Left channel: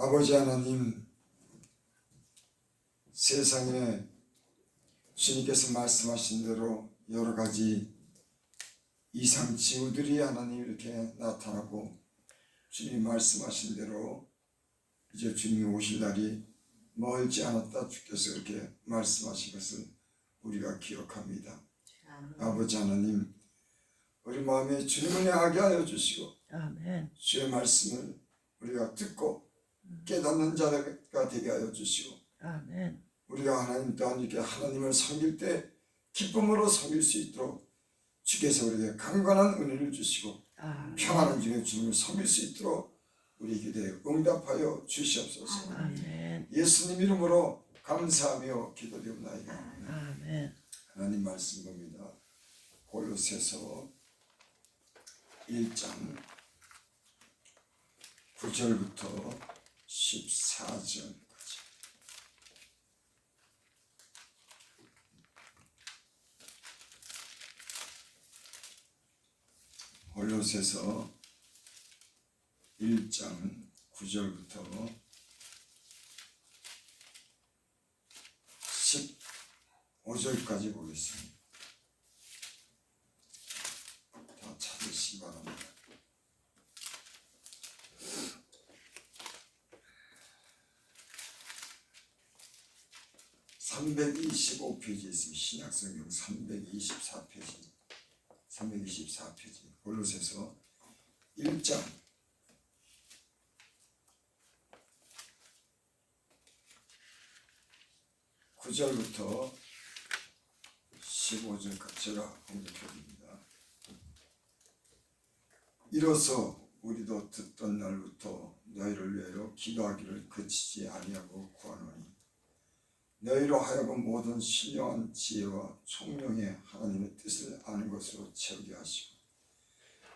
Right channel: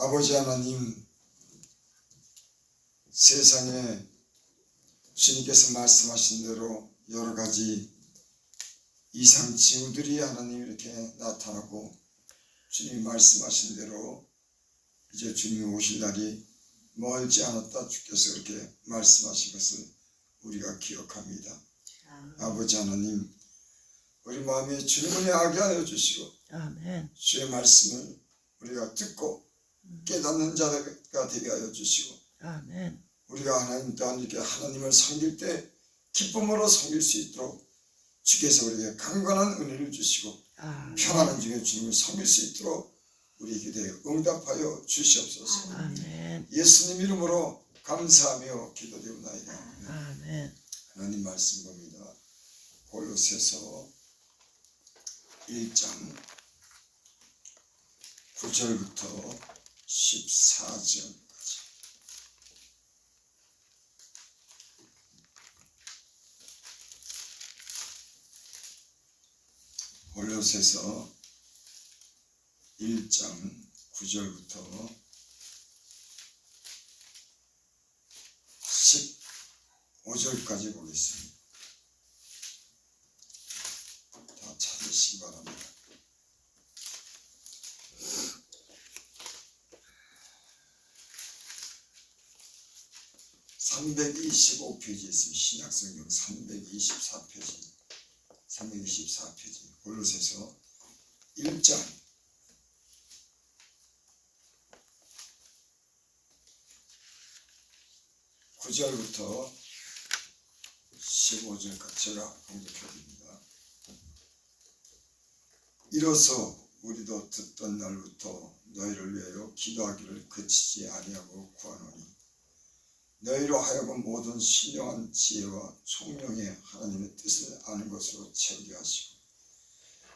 아버지 하나님, 세상에 주님께서 말씀하신 대로 여러 가지 이상징후들이 하나님 이렇게 나타나고, 주님이 말씀하신 대로 이제 주님이 오실 날이 멀지 않았다 주께서 그렇게 말씀하신 것을 우리가 기억합니다. 아버지 하나님, 우리 마음에 주님을 향하게 하여 주시고, 아멘. 주의 말씀을 우리가 듣고 깨닫는 자가 되게 하여 주시고, 아멘. 우리가 하나님 또한 이렇게 하나님을 섬길 때 기쁨으로 섬길 수 있도록 주께서 우리에게 강건한 은혜를 주시고, 평안한 중에 주님을 섬길 수 있도록 우리 기도에 응답하여 주시옵소서. 아멘. 예수님 이름으로 감사하며 기도드립니다. 아멘. 하나님 말씀 봅니다. 골로새서 1장 9절부터 14절까지. 골로새서 1장 9절부터 15절까지 보겠습니다. 다 찾으시기 바랍니다. (325페이지) 있습니다. 신약성경 324페이지 골로새서 1장 9절부터 15절까지 제가 공독해드립니다. 이로써 우리도 듣던 날부터 너희를 위하여 기도하기를 그치지 아니하고 구하노니, 너희로 하여금 모든 신령한 지혜와 총명의 하나님의 뜻을 아는 것으로 채우게 하시고,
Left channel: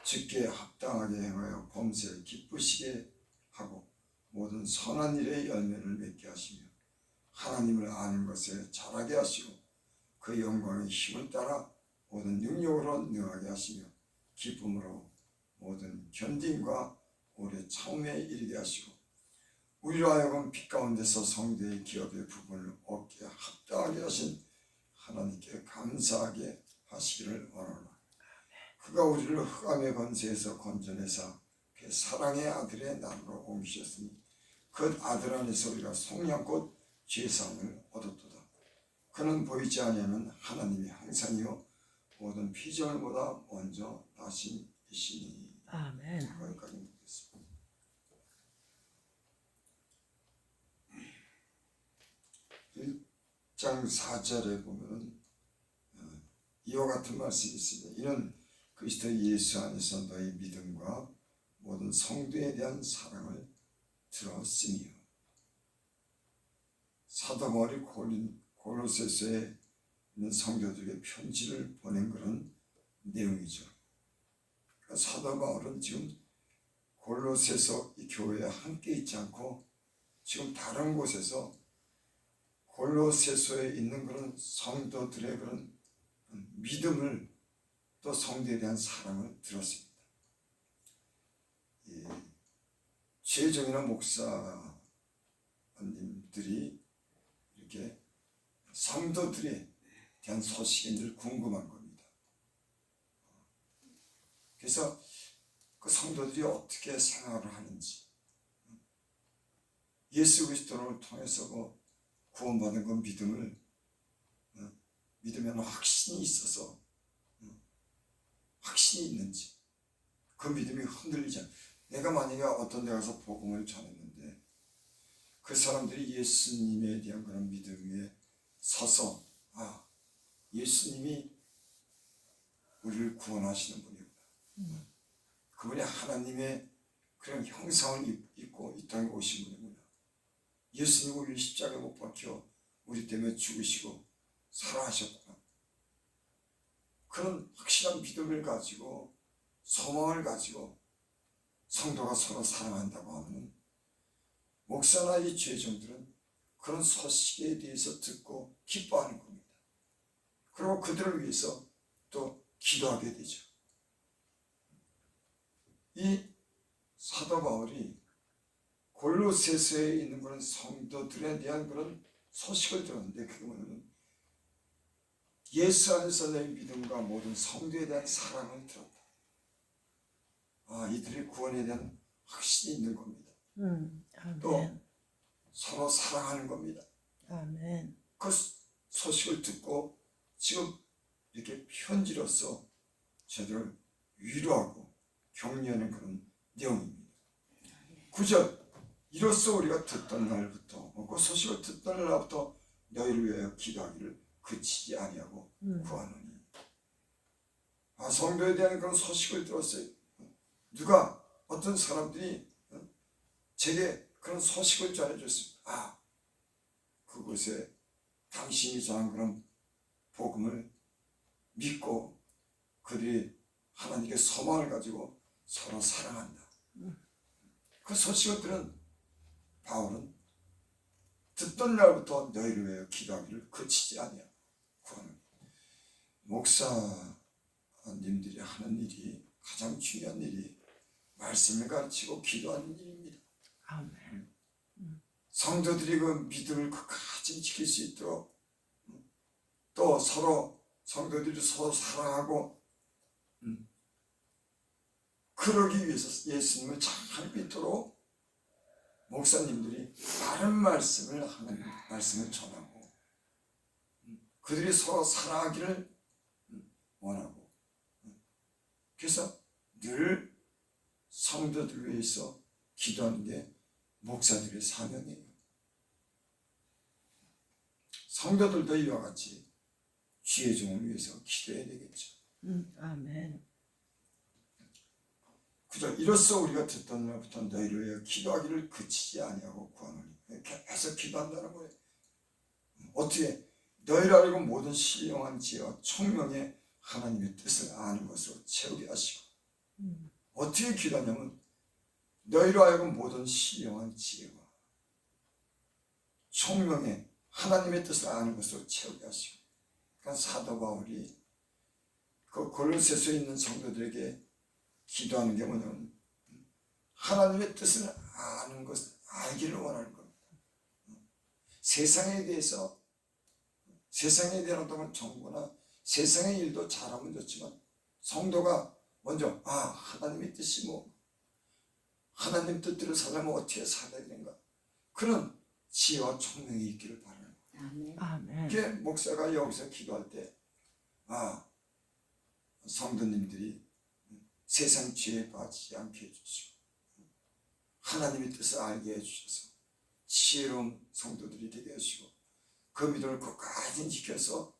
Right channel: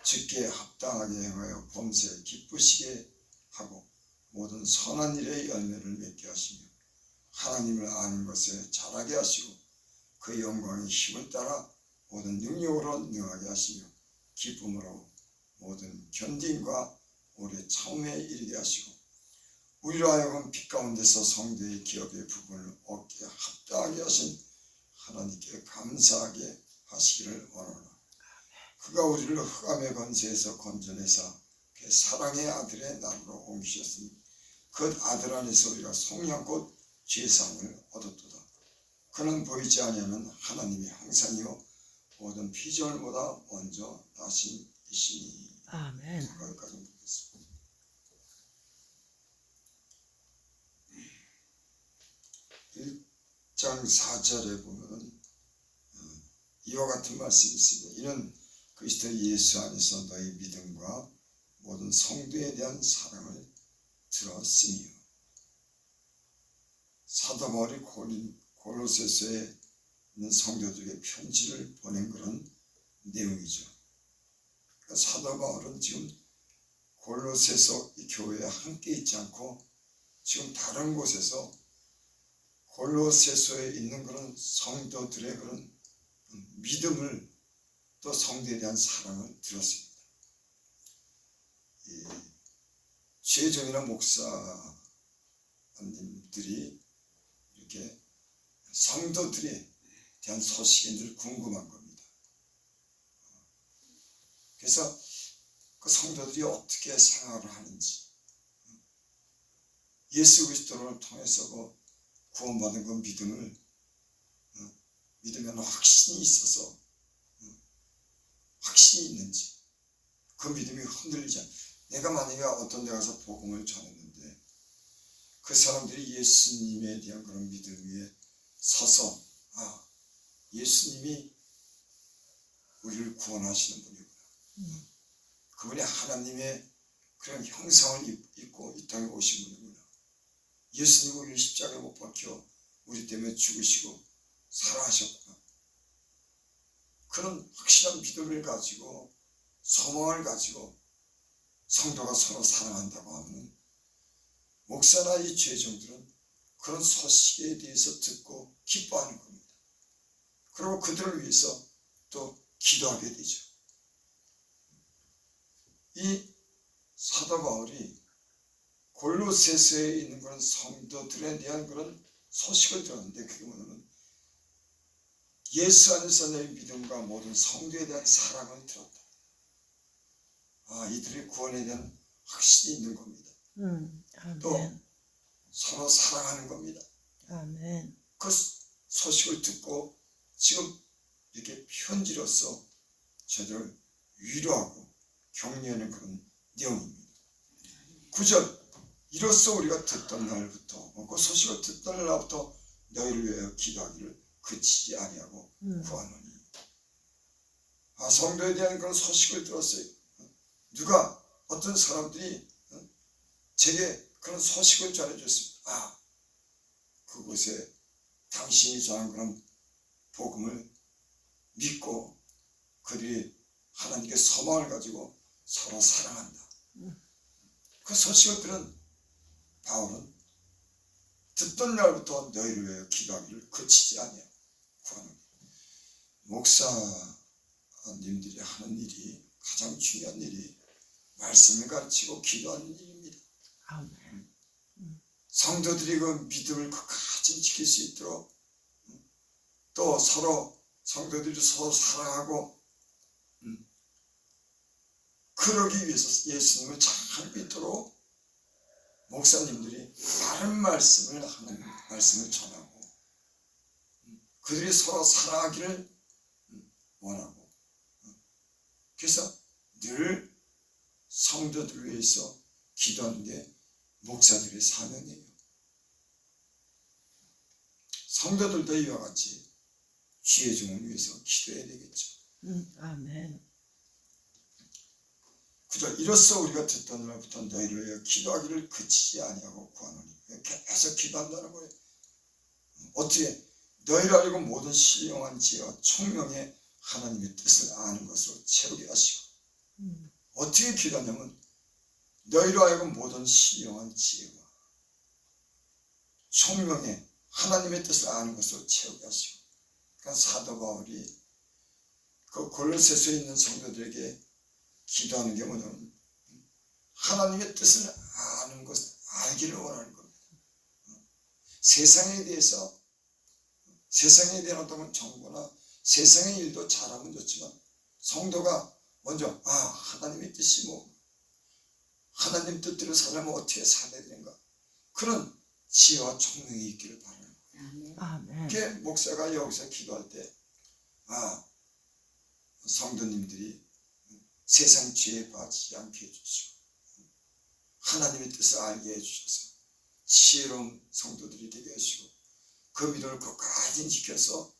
주께 합당하게 행하여 범사에 기쁘시게 하고 모든 선한 일의 열매를 맺게 하시며, 하나님을 아는 것에 자라게 하시고 그 영광의 힘을 따라 모든 능력으로 능하게 하시며, 기쁨으로 모든 견딤과 오래 참음에 이르게 하시고, 우리로 하여금 빛 가운데서 성도의 기업의 부분을 얻게 합당하게 하신 하나님께 감사하게 하시기를 원하노라. 그가 우리를 흑암의 권세에서 건져내사 그 사랑의 아들의 나라로 옮기셨으니, 그 아들 안에서 우리가 속량곧 죄사함을 얻었도다. 그는 보이지 아니하는 하나님의 형상이요 모든 피조물보다 먼저 나신 이시니. 아멘. 거기까지 보겠습니다. 1장 4절에 보면 이와 같은 말씀이 있습니다. 이는 그리스도 예수 안에서 너희 믿음과 모든 성도에 대한 사랑을 들었으며. 사도 바울이 골로새서에 있는 성도들에게 편지를 보낸 그런 내용이죠. 사도 바울은 지금 골로새서 이 교회에 함께 있지 않고 지금 다른 곳에서 골로새서에 있는 그런 성도들의 그런 믿음을, 또 성도에 대한 사랑을 들었습니다. 이 최정이나 목사님들이 이렇게 성도들에 대한 소식이 늘 궁금한 겁니다. 그래서 그 성도들이 어떻게 생활을 하는지, 예수 그리스도를 통해서 그 구원받은 그 믿음을, 믿음에는 확신이 있어서, 확신이 있는지, 그 믿음이 흔들리지 않아. 내가 만약에 어떤 데 가서 복음을 전했는데 그 사람들이 예수님에 대한 그런 믿음 위에 서서, 예수님이 우리를 구원하시는 분이구나, 그분이 하나님의 그런 형상을 입고 이 땅에 오신 분이구나, 예수님이 우리를 십자가에 못 박혀 우리 때문에 죽으시고 살아하셨구나, 그런 확실한 믿음을 가지고 소망을 가지고 성도가 서로 사랑한다고 하면, 목사나 이 죄종들은 그런 소식에 대해서 듣고 기뻐하는 겁니다. 그리고 그들을 위해서 또 기도하게 되죠. 이 사도 바울이 골로새서에 있는 그런 성도들에 대한 그런 소식을 들었는데, 그게 뭐냐면 예수 안에서 내 믿음과 모든 성도에 대한 사랑을 들었다. 이들의 구원에 대한 확신이 있는 겁니다. 또 아멘. 서로 사랑하는 겁니다. 아멘. 그 소식을 듣고 지금 이렇게 편지로서 저들을 위로하고 격려하는 그런 내용입니다. 9절, 이로써 우리가 듣던 날부터, 그 소식을 듣던 날부터 너희를 위하여 기도하기를 그치지 아니하고 구하노니. 성도에 대한 그런 소식을 들었어요. 누가, 어떤 사람들이 제게 그런 소식을 전해줬습니다. 그곳에 당신이 전한 그런 복음을 믿고 그들이 하나님께 소망을 가지고 서로 사랑한다. 그 소식을 들은 바울은 듣던 날부터 너희를 위하여 기도하기를 그치지 아니하고 구하노니. 목사님들이 하는 일이, 가장 중요한 일이 말씀을 가르치고 기도하는 일입니다. 아멘. 성도들이 그 믿음을 끝까지 지킬 수 있도록, 또 서로 성도들이 서로 사랑하고 그러기 위해서 예수님을 잘 믿도록 목사님들이 바른 말씀을, 하나님 말씀을 전하고 그들이 서로 사랑하기를 원하고, 그래서 늘 성도들을 위해서 기도하는 게 목사들의 사명이에요. 성도들도 이와 같이 주의 종을 위해서 기도해야 되겠죠. 아멘. 9절, 이로써 우리가 듣던 날부터 너희를 위하여 기도하기를 그치지 아니하고 구하노니. 계속 기도한다는 거예요. 어떻게? 너희를 알고 모든 신령한 지혜와 총명의 하나님의 뜻을 아는 것으로 채우게 하시고. 어떻게 기도하냐면 너희로 하여금 모든 신령한 지혜와 총명의 하나님의 뜻을 아는 것으로 채우게 하시고. 그러니까 사도 바울이 그 골로새서에 있는 성도들에게 기도하는 게 뭐냐면 하나님의 뜻을 아는 것, 알기를 원하는 겁니다. 세상에 대해서, 세상에 대한 어떤 정보나 세상의 일도 잘하면 좋지만 성도가 먼저 하나님의 뜻이 뭐, 하나님 뜻대로 살려면 어떻게 살아야 되는가, 그런 지혜와 총명이 있기를 바라는 거예요. 아멘. 그게 목사가 여기서 기도할 때 성도님들이 세상 지혜에 빠지지 않게 해주시고 하나님의 뜻을 알게 해주셔서 지혜로운 성도들이 되게 하시고 그 믿음을 끝까지 지켜서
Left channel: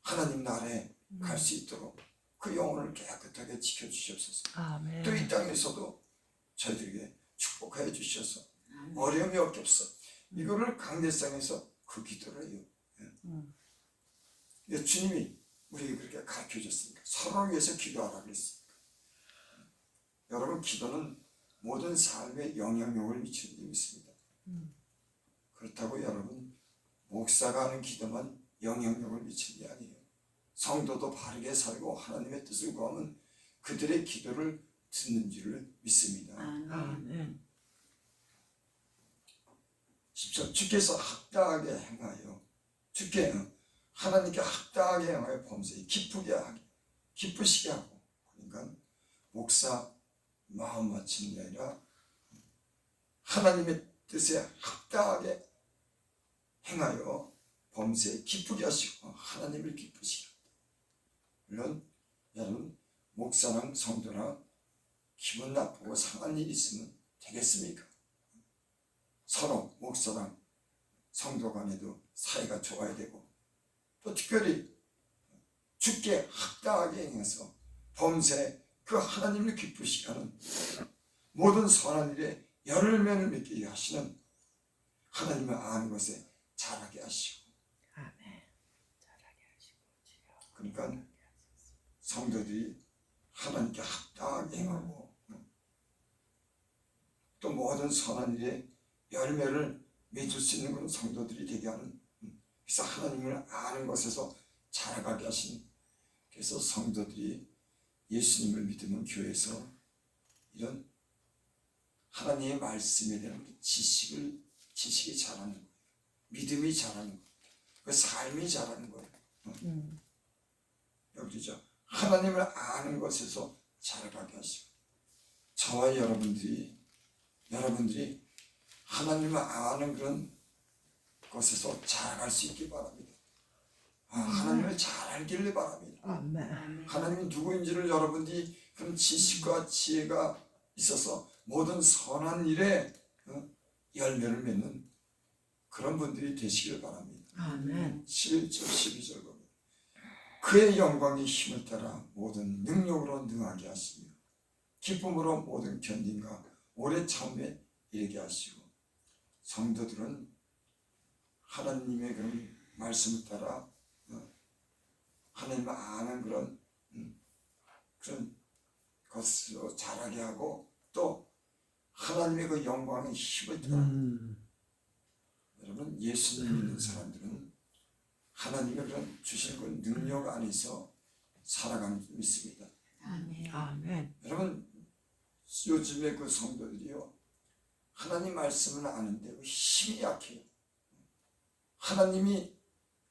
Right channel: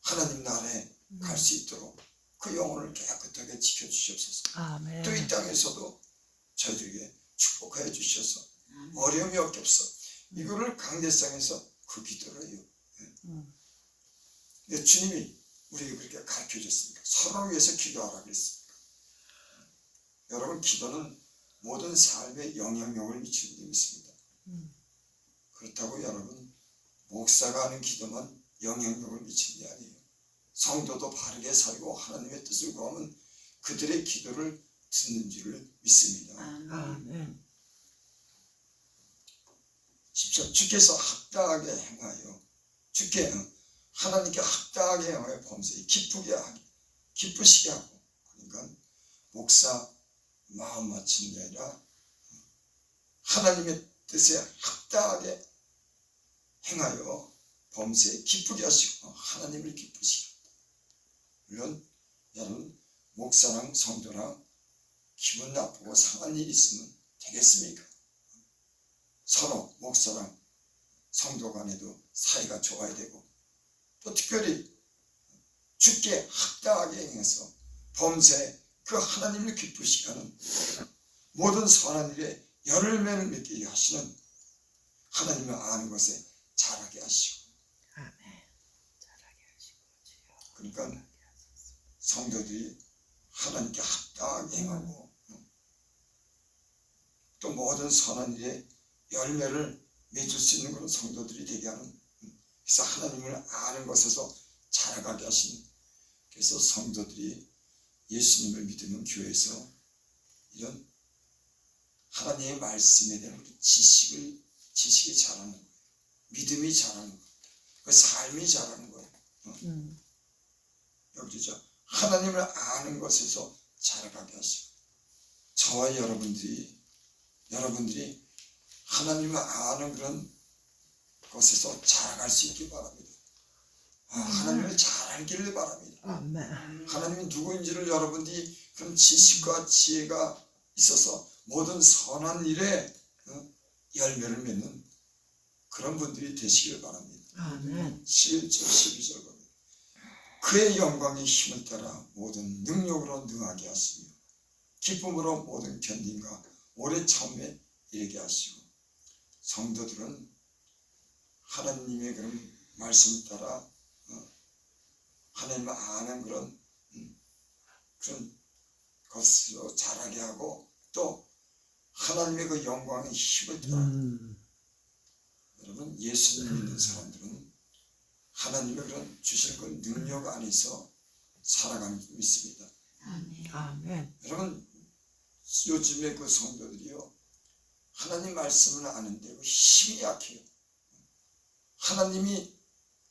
하나님 나라에 갈 수 있도록 그 영혼을 깨끗하게 지켜주시옵소서. 아멘. 또 이 땅에서도 저희들에게 축복하여 주셔서 어려움이 없겠어. 이거를 강대상에서 그 기도를 해요. 주님이 우리에게 그렇게 가르쳐 줬습니다. 서로를 위해서 기도하라고 했습니다. 여러분, 기도는 모든 삶에 영향력을 미치는 데 있습니다. 그렇다고 여러분, 목사가 하는 기도만 영향력을 미치는 게 아니에요. 성도도 바르게 살고 하나님의 뜻을 구하면 그들의 기도를 듣는 줄을 믿습니다. 아멘. 10절, 주께서 합당하게 행하여, 주께 하나님께 합당하게 행하여 범사에 기쁘시게 하고. 그러니까 목사 마음 맞추는 게 아니라 하나님의 뜻에 합당하게 행하여 범사에 기쁘게 하시고 하나님을 기쁘시게 합니다. 물론 여러분, 목사랑 성도랑 기분 나쁘고 상한 일이 있으면 되겠습니까? 서로 목사랑 성도 간에도 사이가 좋아야 되고, 또 특별히 주께 합당하게 행해서 범사에 그 하나님을 기쁘시게 하는 모든 선한 일에 열매를 맺게 하시는 하나님을 아는 것에 자라게 하시고. 아멘. 잘하게 하시고 주여. 그러니까 성도들이 하나님께 합당하게 행하고 또 모든 선한 일에 열매를 맺을 수 있는 그런 성도들이 되게 하는, 그래서 하나님을 아는 것에서 자라가게 하시는, 그래서 성도들이 예수님을 믿으면 교회에서 이런 하나님의 말씀에 대한 지식이 자라는 거예요. 믿음이 자라는 거예요. 그 삶이 자라는 거예요. 여기죠. 하나님을 아는 것에서 자라가게 하시고, 저와 여러분들이 하나님을 아는 그런 것에서 자라갈 수 있기 바랍니다. 하나님을 잘 알기를 바랍니다. 아멘. 하나님이 누구인지를 여러분들이 그런 지식과 지혜가 있어서 모든 선한 일에 열매를 맺는 그런 분들이 되시길 바랍니다. 아멘. 11절 12절 보면 그의 영광의 힘을 따라 모든 능력으로 능하게 하시며 기쁨으로 모든 견딘과 오래 참음에 이르게 하시고, 성도들은 하나님의 그런 말씀을 따라 하나님을 아는 그런 것으로 자라게 하고, 또 하나님의 그 영광의 힘을 따라 여러분, 예수님 믿는 사람들은 하나님의 그런 주신 그 능력 안에서 살아가는 줄 믿습니다. 아멘. 여러분, 요즘에 그 성도들이요, 하나님 말씀을 아는데 그 힘이 약해요. 하나님이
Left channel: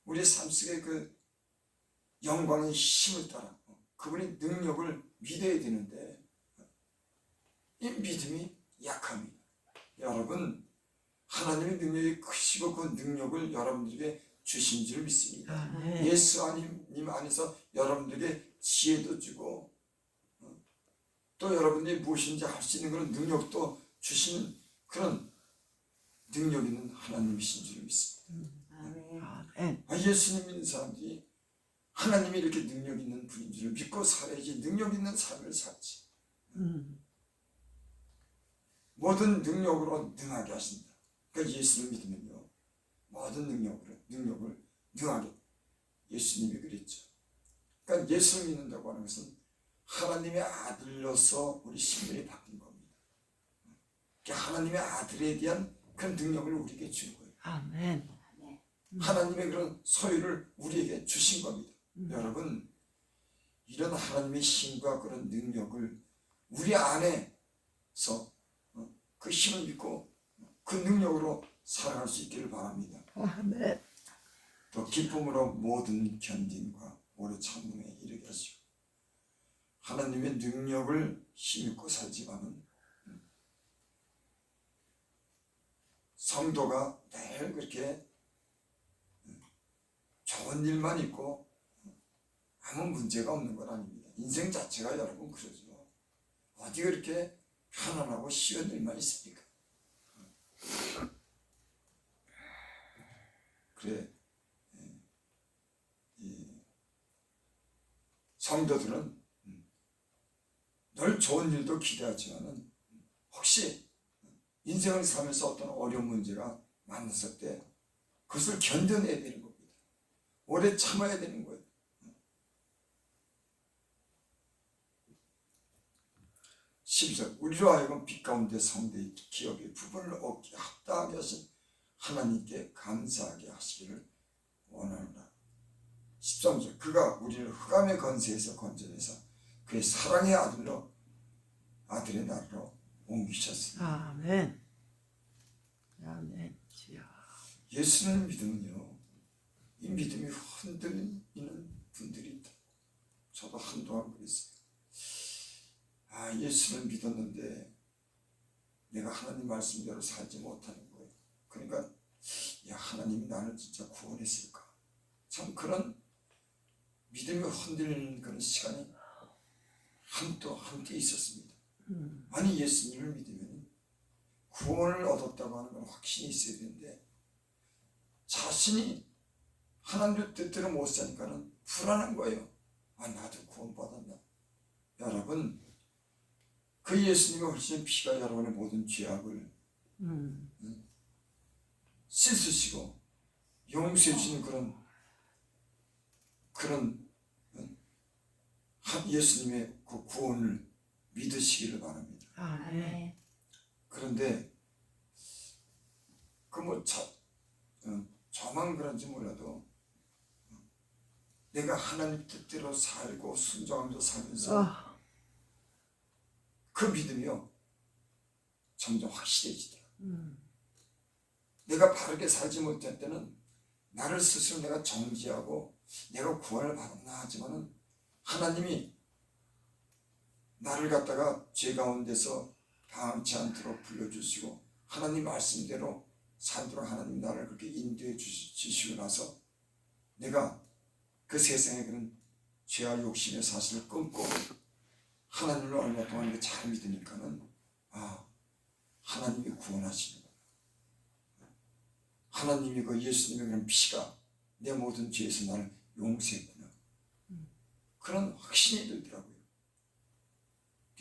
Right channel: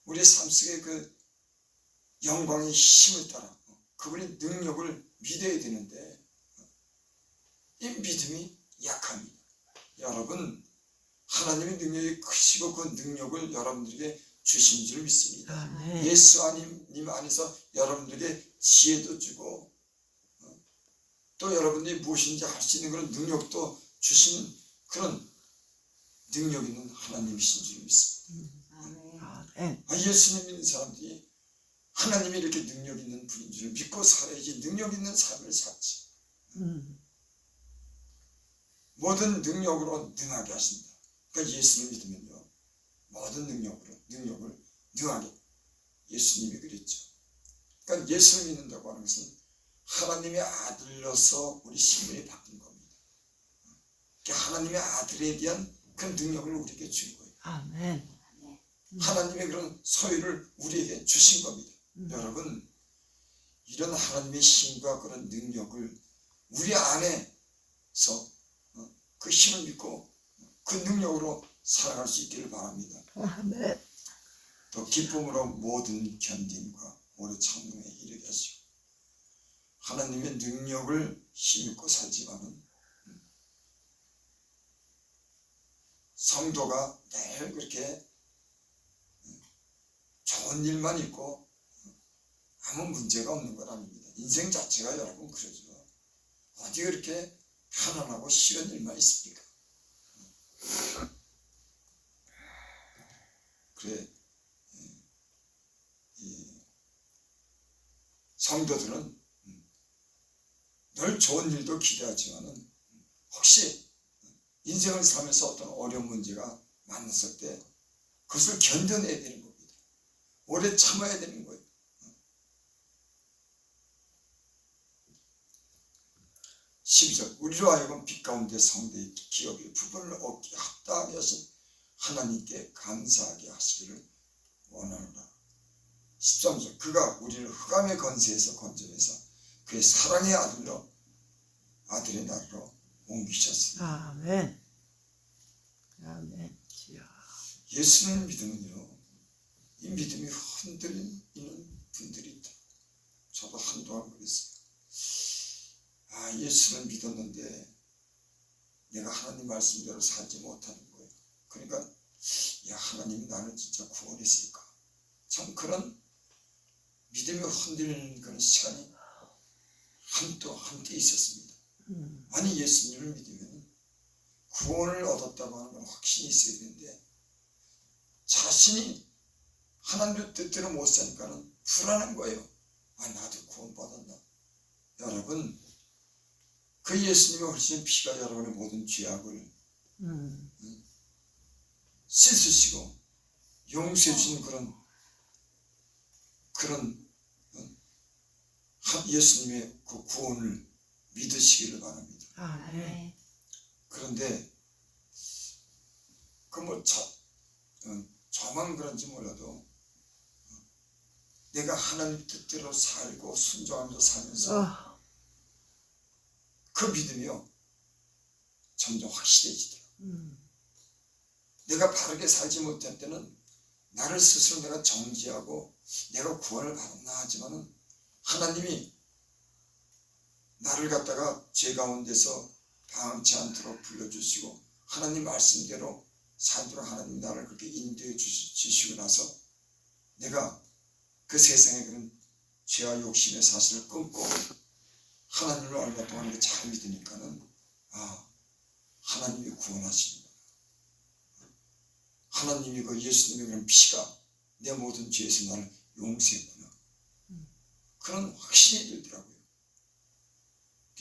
우리 삶 속에 그 영광의 힘을 따라 그분의 능력을 믿어야 되는데 이 믿음이 약합니다. 여러분, 하나님의 능력이 크시고 그 능력을 여러분들에게 주신 줄 믿습니다. 아멘. 예수 님 안에서 여러분들에게 지혜도 주고, 또 여러분들이 무엇인지 할 수 있는 그런 능력도 주시는 그런 능력 있는 하나님이신 줄 믿습니다. 아멘. 예수님 믿는 사람들이 하나님이 이렇게 능력 있는 분인 줄 믿고 살아야지 능력 있는 삶을 살지. 모든 능력으로 능하게 하신다. 그러니까 예수를 믿으면요, 모든 능력을 능하게, 예수님이 그랬죠. 그러니까 예수를 믿는다고 하는 것은 하나님의 아들로서 우리 신분이 바뀐 겁니다. 그러니까 하나님의 아들에 대한 그런 능력을 우리에게 준 거예요. 아멘. 하나님의 그런 소유를 우리에게 주신 겁니다. 여러분, 이런 하나님의 힘과 그런 능력을 우리 안에서 그 힘을 믿고 그 능력으로 살아갈 수 있기를 바랍니다. 아멘. 또 기쁨으로 모든 견딘과 오래 참음에 이르게 하시고, 하나님의 능력을 힘입고 살지만은 성도가 늘 그렇게 좋은 일만 있고 아무 문제가 없는 건 아닙니다. 인생 자체가 여러분 그러죠. 어디 그렇게 편안하고 쉬운 일만 있습니까? 그래, 이 성도들은 늘 좋은 일도 기대하지만은 혹시 인생을 살면서 어떤 어려운 문제가 만났을 때 그것을 견뎌내야 되는 겁니다. 오래 참아야 되는 거예요. 12절 우리로 하여금 빛 가운데 성도의 기업의 부분을 얻게 합당하게 하신 하나님께 감사하게 하시기를 원하노라. 13절 그가 우리를 흑암의 건세에서 건져내사 그의 사랑의 아들의 나라로 옮기셨으니. 아멘. 아멘. 주여. 예수를 믿으면요, 이 믿음이 흔들리는 분들이 있다. 저도 한동안 그랬어요. 예수를 믿었는데 내가 하나님 말씀대로 살지 못하는 거예요. 그러니까 하나님이 나를 진짜 구원했을까? 참 그런 믿음이 흔들리는 그런 시간이 한때 있었습니다. 아니, 예수님을 믿으면 구원을 얻었다고 하는 건 확신이 있어야 되는데 자신이 하나님의 뜻대로 못 사니까는 불안한 거예요. 나도 구원받았나? 여러분, 그 예수님의 훨씬 피가 여러분의 모든 죄악을 씻으시고 용서해 주시는 그런 예수님의 그 구원을 믿으시기를 바랍니다. 아멘. 그런데 저만 그런지 몰라도 내가 하나님 뜻대로 살고 순종하면서 살면서 그 믿음이요, 점점 확실해지더라. 음. 내가 바르게 살지 못할 때는 나를 스스로 내가 정지하고 내가 구원을 받았나 하지만은 하나님이 나를 갖다가 죄 가운데서 방치 않도록 불러주시고 하나님 말씀대로 살도록 하나님 나를 그렇게 인도해 주시고 나서 내가 그 세상에 그런 죄와 욕심의 사실을 끊고 하나님을 얼마 동안 잘 믿으니까는 하나님이 구원하시는 거예요. 하나님이 그 예수님의 그런 피가 내 모든 죄에서 나를 용서했구나. 그런 확신이 들더라고요.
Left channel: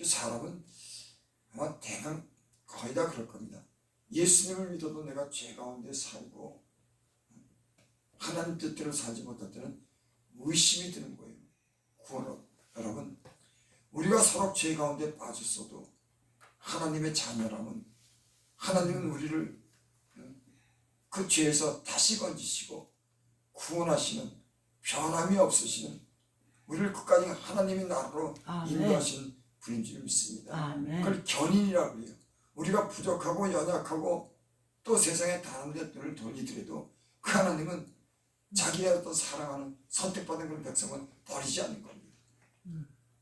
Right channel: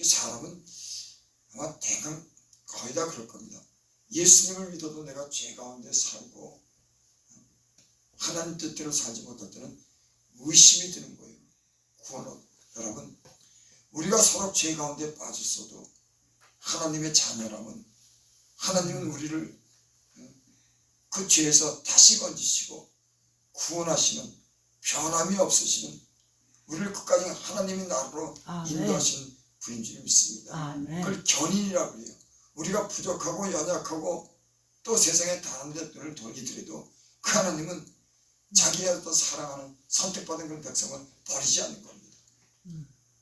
사람은 아마 대강 거의 다 그럴 겁니다. 예수님을 믿어도 내가 죄 가운데 살고 하나님 뜻대로 살지 못할 때는 의심이 드는 거예요. 여러분, 우리가 서로 죄 가운데 빠졌어도 하나님의 자녀라면 하나님은 우리를 그 죄에서 다시 건지시고 구원하시는 변함이 없으시는 우리를 끝까지 하나님의 나라로 인도하시는 분인 줄 믿습니다. 그걸 견인이라고 해요. 우리가 부족하고 연약하고 또 세상에 다른 데 눈을 돌리더라도 그 하나님은 자기의 어떤 사랑하는 선택받은 그런 백성을 버리지 않는 겁니다.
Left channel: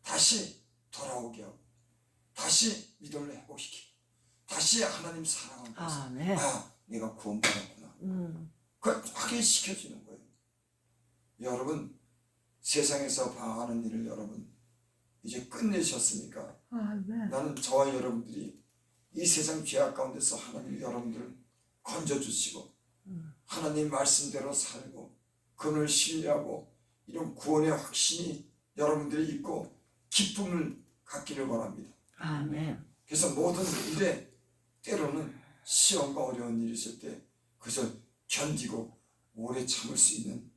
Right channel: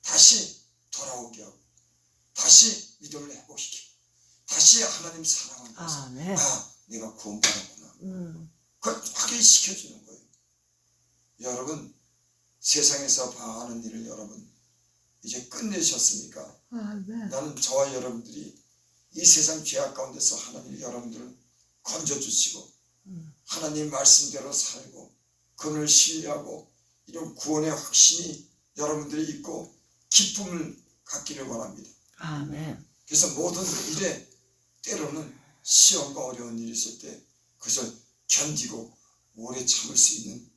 다시 돌아오게 하고 다시 믿음을 회복시키고 다시 하나님 사랑을 해서 내가 구원받았구나. 그걸 확인시켜주는 거예요. 여러분 세상에서 방황하는 일을 여러분 이제 끝내셨습니까? 나는 저와 여러분들이 이 세상 죄악 가운데서 하나님이 여러분들을 건져주시고 하나님 말씀대로 살고 그분을 신뢰하고 이런 구원의 확신이 여러분들이 있고 기쁨을 갖기를 바랍니다. 그래서 모든 일에 때로는 시험과 어려운 일이 있을 때 그것을 견디고 오래 참을 수 있는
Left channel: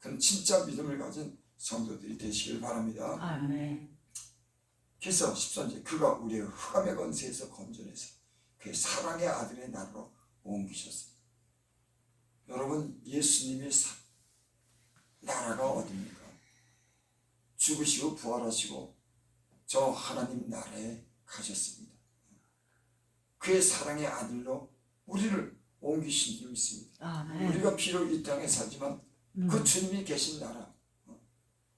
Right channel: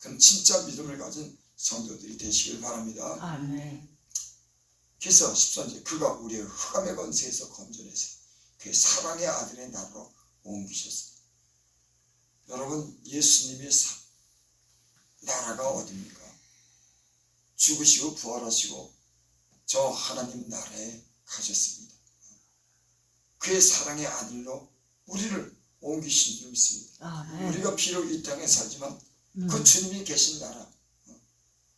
그런 진짜 믿음을 가진 성도들이 되시길 바랍니다. 그래서 13절 그가 우리의 흑암의 권세에서 건져내서 그의 사랑의 아들의 나라로 옮기셨습니다. 여러분 예수님의 나라가 어디입니까? 죽으시고 부활하시고 저 하나님 나라에 가셨습니다. 그의 사랑의 아들로 우리를 옮기신 줄 믿습니다. 우리가 비록 이 땅에 살지만 그 주님이 계신 나라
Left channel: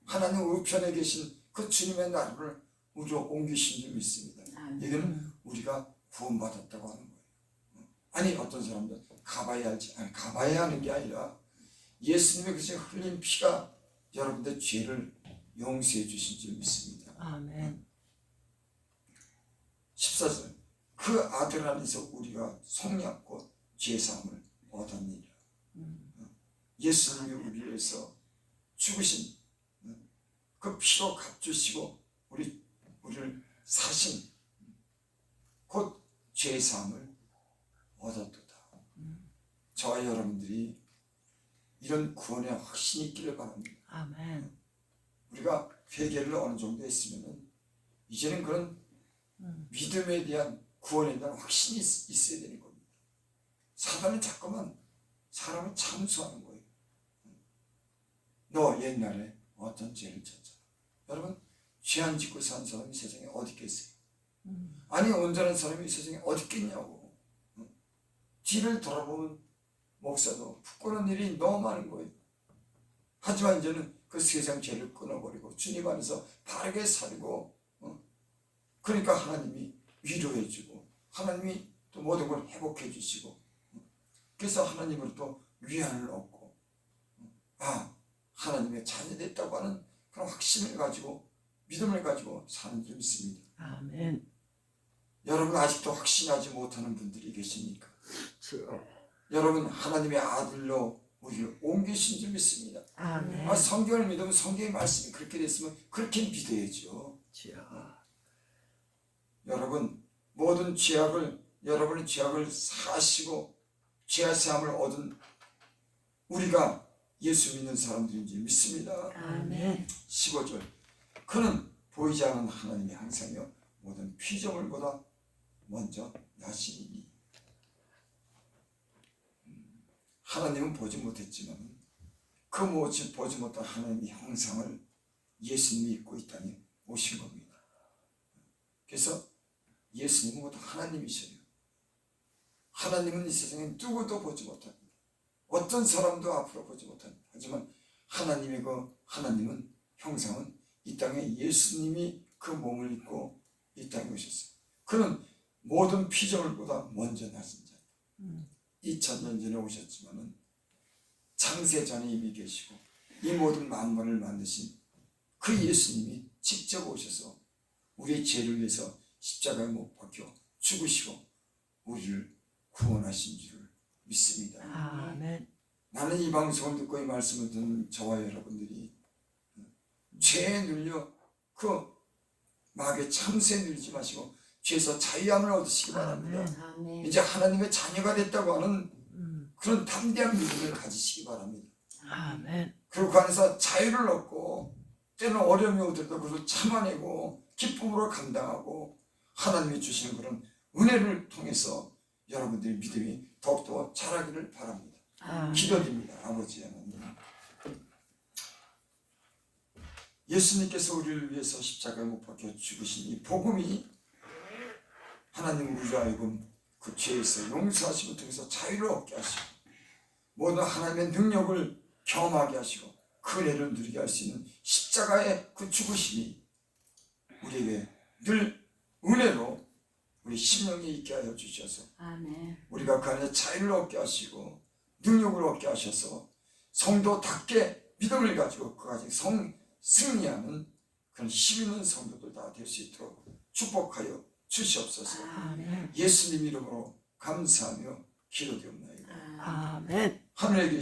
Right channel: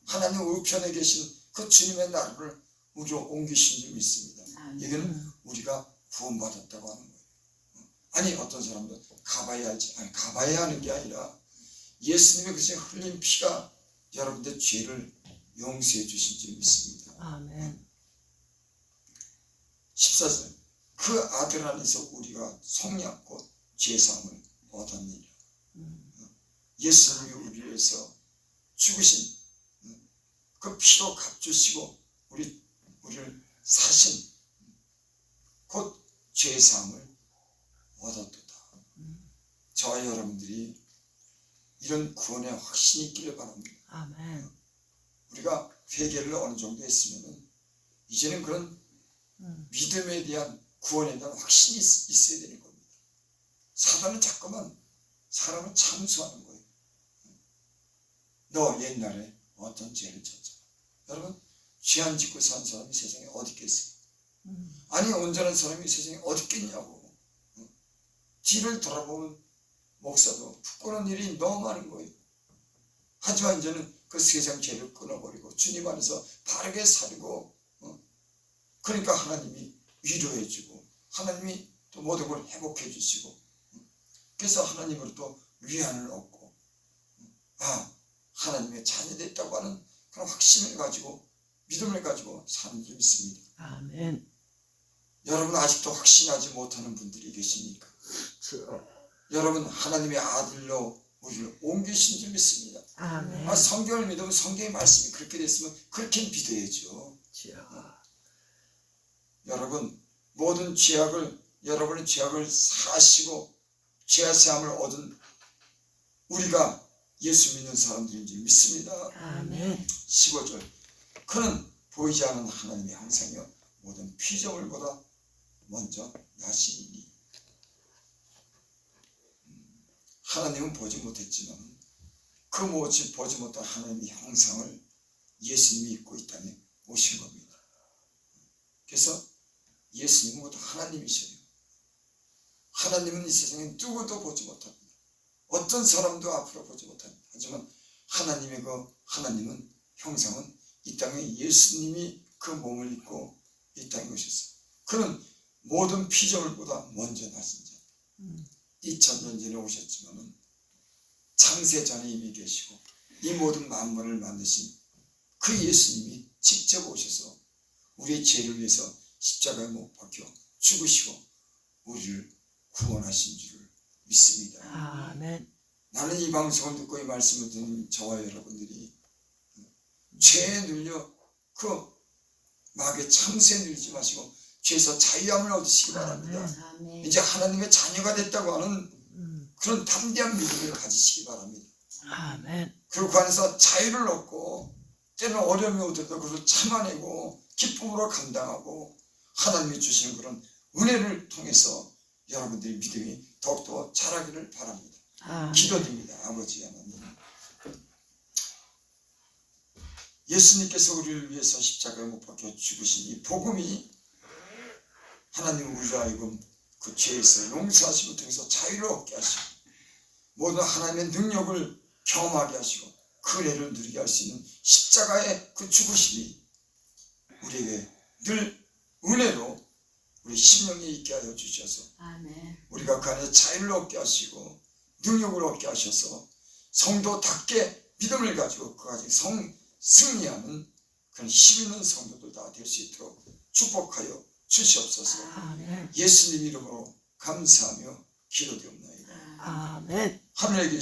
하나님 우편에 계신 그 주님의 나라를 우리로 옮기신 줄 믿습니다. 이거는 우리가 구원받았다고 하는 거예요. 아니 어떤 사람들 가봐야 할지 가봐야 하는 게 아니라 예수님의 그 흘린 피가 여러분들 죄를 용서해 주신 줄 믿습니다. 14절 그 아들 안에서 우리가 속량 곧 죄사함을 얻었느니라. 예수님이 우리 위해서 죽으신 그 피로 값주시고 우리를 사신 곧 죄사함을 얻었도다. 저와 여러분들이 이런 구원의 확신이 있기를 바랍니다. 우리가 회개를 어느 정도 했으면 이제는 그런 믿음에 대한 구원에 대한 확신이 있어야 되는 겁니다. 사단은 자꾸만 사람을 참수하는 거예요. 너 옛날에 어떤 죄를 졌잖아. 여러분 죄 안 짓고 산 사람이 세상에 어디 있겠어요? 아니 온전한 사람이 세상에 어디 있겠냐고. 뒤를 돌아보면 목사도 부끄러운 일이 너무 많은 거예요. 하지만 이제는 그 세상 죄를 끊어버리고 주님 안에서 바르게 살고 그러니까 하나님이 위로해주고 하나님이 또 모든 걸 회복해 주시고 그래서 하나님으로 또 위안을 얻고 하나님의 자녀됐다고 하는 그런 확신을 가지고 믿음을 가지고 사는 줄 믿습니다. 여러분 아직도 확신하지 못하는 분들이 계십니까? 여러분 하나님의 아들로 우리를 옮기신 줄 믿습니다. 성경을 믿으면 성경의 말씀이 그렇게 됐으면 그렇게 믿어야죠. 여러분 모든 여러분의 죄악을 사시고 죄 사함을 얻은 우리가 예수 믿는 사람들인 줄 믿습니다. 15절 그는 보이지 않는 하나님의 형상이요 모든 피조물보다 먼저 나시니 하나님은 보지 못했지만 그 보지 못한 하나님의 형상을 예수님이 입고 이 땅에 오신 겁니다. 그래서 예수님은 모두 하나님이셔요. 하나님은 이 세상에 누구도 보지 못합니다. 어떤 사람도 앞으로 보지 못합니다. 하지만 하나님은 형상은 이 땅에 예수님이 그 몸을 입고 이 땅에 오셨어요. 그는 모든 피조물보다 먼저 나신 자. 2000년 전에 오셨지만은 창세 전에 이미 계시고 이 모든 만물을 만드신 그 예수님이 직접 오셔서 우리의 죄를 위해서 십자가에 못 박혀 죽으시고 우리를 구원하신 줄을 믿습니다. 아멘. 나는 이 방송을 듣고 이 말씀을 듣는 저와 여러분들이 죄에 눌려 그 마귀의 참새에 눌리지 마시고 죄에서 자유함을 얻으시기 바랍니다. 아멘. 이제 하나님의 자녀가 됐다고 하는 그런 담대한 믿음을 가지시기 바랍니다. 아멘. 그리고 그 안에서 자유를 얻고 때는 어려움이 오더라도 그것을 참아내고 기쁨으로 감당하고 하나님이 주시는 그런 은혜를 통해서 여러분들의 믿음이 더욱더 자라기를 바랍니다. 아멘. 기도드립니다. 아버지 하나님, 예수님께서 우리를 위해서 십자가에 못 박혀 죽으신 이 복음이 하나님 우리로 하여금 그 죄에서 용서하심을 통해서 자유를 얻게 하시고 모든 하나님의 능력을 경험하게 하시고 그 은혜를 누리게 할 수 있는 십자가의 그 죽으심이 우리에게 늘 은혜로 우리 심령에 있게 하여 주셔서 아멘. 우리가 그 안에 자유를 얻게 하시고 능력을 얻게 하셔서 성도답게 믿음을 가지고 그 가지 승리하는 그런 힘 있는 성도들 다 될 수 있도록 축복하여 주시옵소서. 아멘. 예수님 이름으로 감사하며 기도되옵나이다. 아멘. 하늘에 계신